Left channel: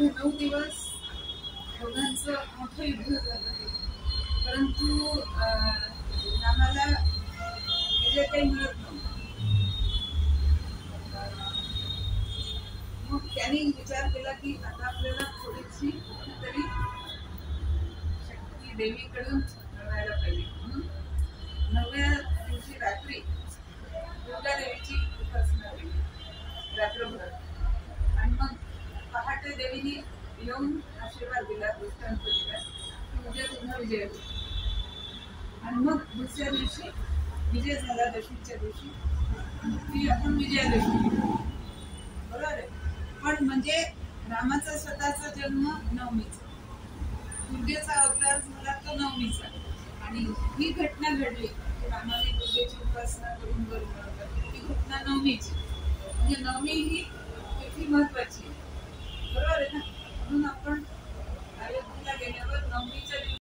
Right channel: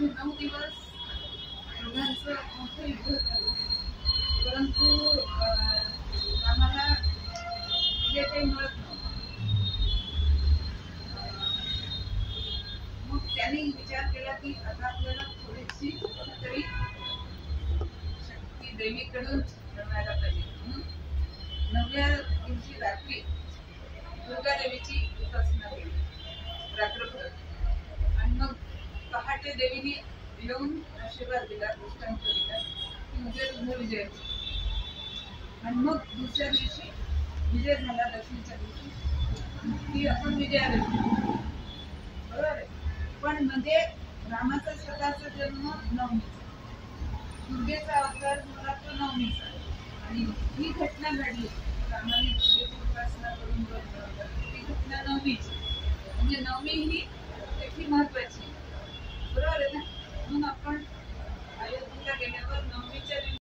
युद्धामध्ये 9 दिवस दोघांचं मोठं युद्ध झालं, परंतु रामाला विजय काही मिळत नव्हता. मग त्यांनी विचार केला की आता आपल्याला थोडीशी तरी शक्ती देवीकडून मिळवायला पाहिजे. म्हणून 9व्या दिवशी रात्री दुर्गा देवीची उपासना केली रात्रभर. आणि मग पहाटे देवीने येऊन आशीर्वाद दिला, दृष्टांत दिला की उद्या तुझा विजय होईल. आणि मग दुसऱ्या दिवशी विजय झाला, दशमीच्या दिवशी ती आपण विजयादशमी, बरोबर आहे. पण म्हणजे रामाचा स्वतःचा जन्म नवमीचा, दुर्गेचा अवतार झाला तो नवमीचा. आणि ही घटना घडली की रामाने दुर्गेची उपासना करून वर मिळवतात, ही घटना नवमीची. म्हणजे नवमी ही तिथी महत्वाची, बरोबर आहे ना. म्हणून आपण अयोध्येला गेल्यावर नवमीच्या